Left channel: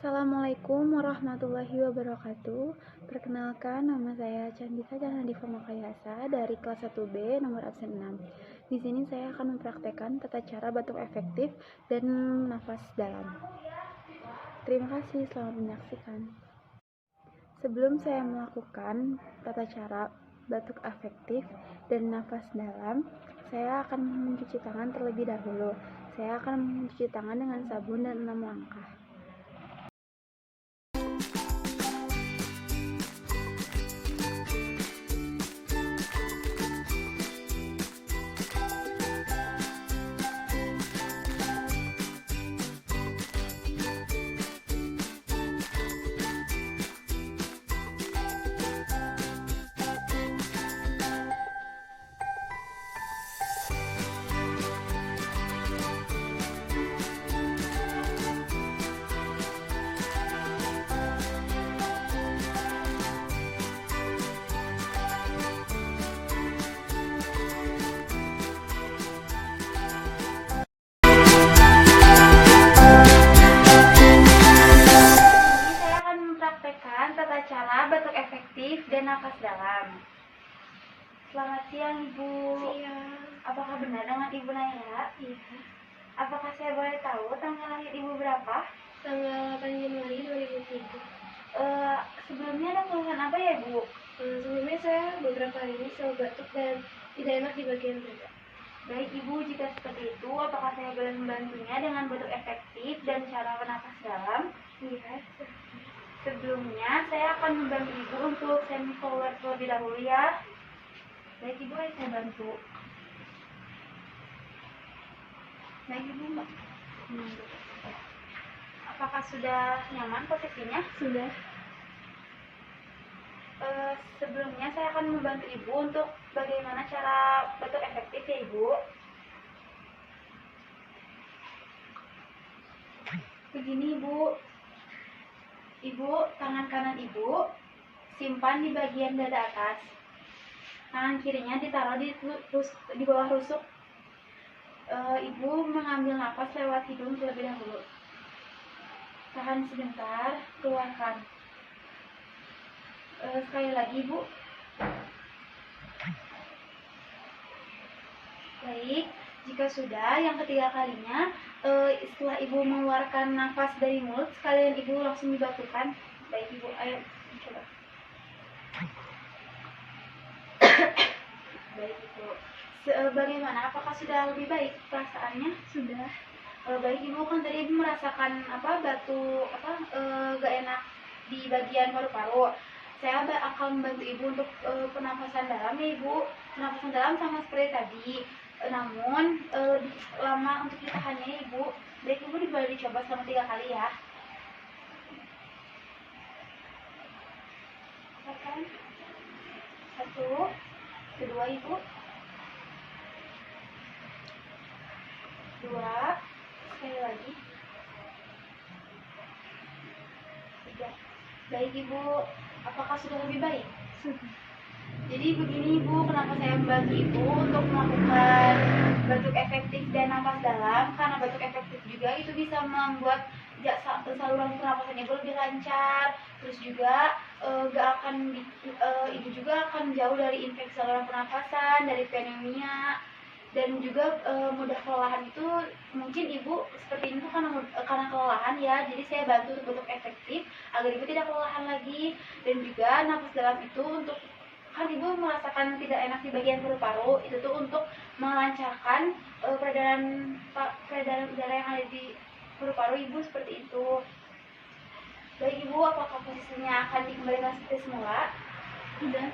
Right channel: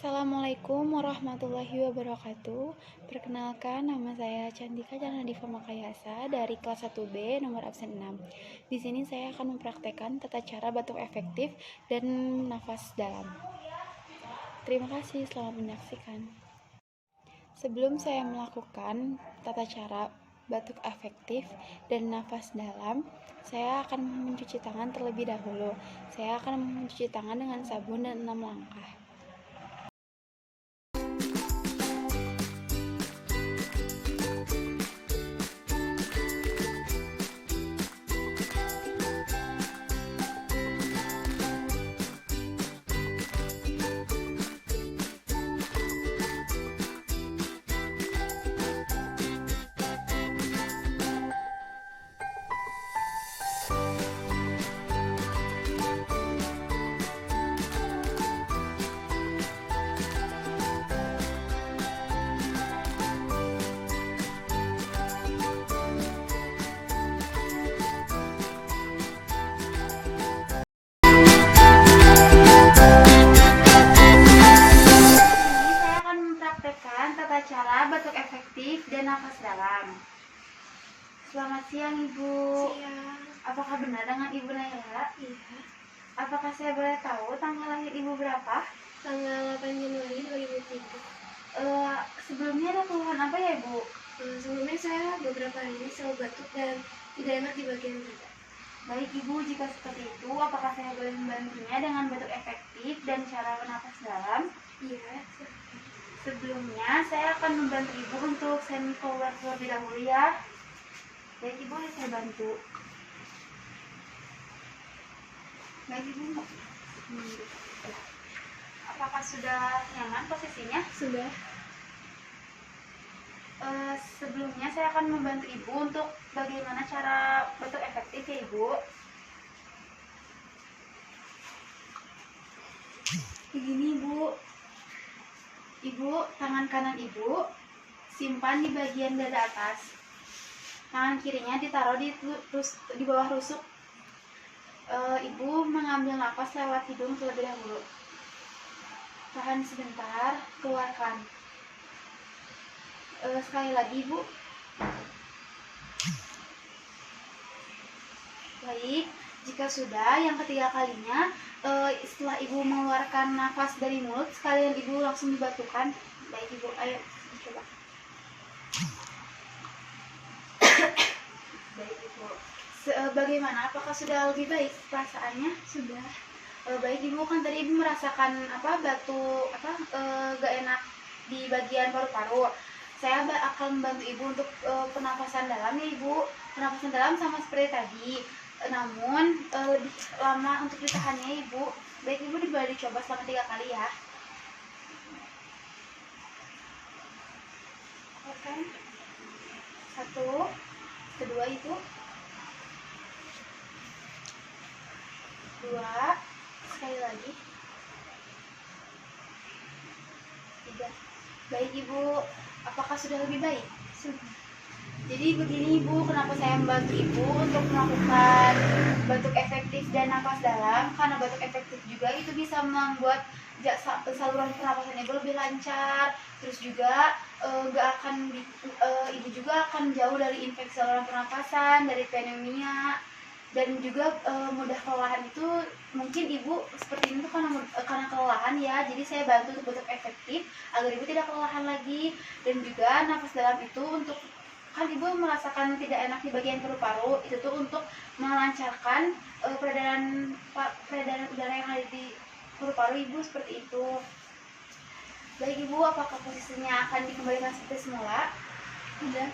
Assalamualaikum warahmatullahi wabarakatuh. Perkenalkan, nama saya Cantika Canadiva Makayasa dari kelas 1B nomor absen 6. Di sini saya akan mempraktekkan tata cara batuk efektif dan nafas dalam. Terima kasih, selamat menyaksikan. Sebelum saya melakukan tata cara batuk efektif dan nafas dalam, saya akan mencuci tangan terlebih dahulu. Saya akan mencuci tangan dengan sabun dan 6 langkah. Tata cara batuk efektif dan nafas dalam. Selamat siang, Ibu. Siang. Apakah benar dengan Ibu Naira? Iya. Apakah saya boleh tahu tanggal lahir Ibu berapa? Tanggal 8 Januari 2003. Sebelumnya ada keluhan apa ya, Ibu? Sebelumnya saya beberapa hari ini selalu batuk dan tidak enak di bagian dada. Baik, Ibu, jika seperti itu, apakah saya boleh membantunya dengan batuk efektif dan cara bernafas dalam? Iya. Sebelumnya, saya akan membantu Ibu untuk semi-power terlebih dahulu ya. Baik, Ibu, saya bantu. Baik, Ibu. Apakah sudah nyaman posisinya? Sudah. Sebelumnya, saya akan membantu Ibu untuk bagaimana cara batuk efektif ya, Ibu. Begini, Ibu. Ibu, tangan kanan Ibu simpan di bagian dada atas. Tangan kirinya ditaruh di bawah rusuk. Ibu mengambil nafas lewat hidung terlebih dahulu. Tahan sebentar, keluarkan. Sekali lagi, Ibu. Baik, jika sudah yang ketiga kalinya, setelah Ibu mengeluarkan nafas dari mulut, sekalian Ibu langsung dibatukan. Baik, Ibu, ayo coba. Baik, Ibu. Bagaimana? Apakah sudah lebih baik perasaannya? Sudah. Baik, Ibu, kan tadi Ibu merasakan batuk gak enak di bagian paru-paru. Saya akan membantu Ibu untuk pernapasan dalam ya, Ibu. Pernapasan dalam sama seperti tadi, namun lebih lama untuk ditahannya, Ibu. Baik, Ibu, boleh dicoba selama 3 kali ya. Oke. 1, kedua, Ibu. 2, sekali lagi. 3. Baik, Ibu, apakah sudah lebih baik? Sudah. Jadi begini, Ibu, kenapa saya membantu Ibu untuk melakukan batuk efektif dan nafas dalam, karena batuk efektif juga itu bisa membuat saluran pernapasan Ibu lebih lancar, terus juga Ibu juga akan jauh dari infeksi saluran pernapasan, dari pneumonia, dan juga mudah kelelahan. Itu mungkin Ibu seperti ini tuh karena kelelahan ya. Jadi saya bantu untuk batuk efektif agar Ibu tidak kelelahan lagi. Dan juga nafas dalam itu untuk, kan Ibu merasakan tidak enak di bagian paru-paru, itu tuh untuk melancarkan peredaran udara yang ada di paru-paru Ibu, seperti itu. Baik, Ibu, apakah posisinya akan dikembalikan seperti semula? Tidak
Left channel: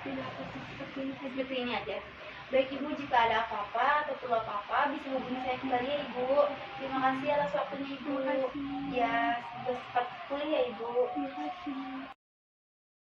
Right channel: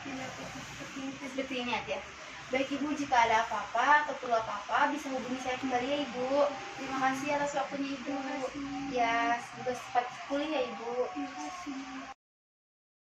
Seperti ini aja. Baik, Ibu, jika ada apa-apa atau perlu apa-apa bisa hubungi saya kembali ya, Ibu. Terima kasih atas waktunya, Ibu. Terima kasih. Ya, semoga cepat pulih ya, Ibu. Terima kasih.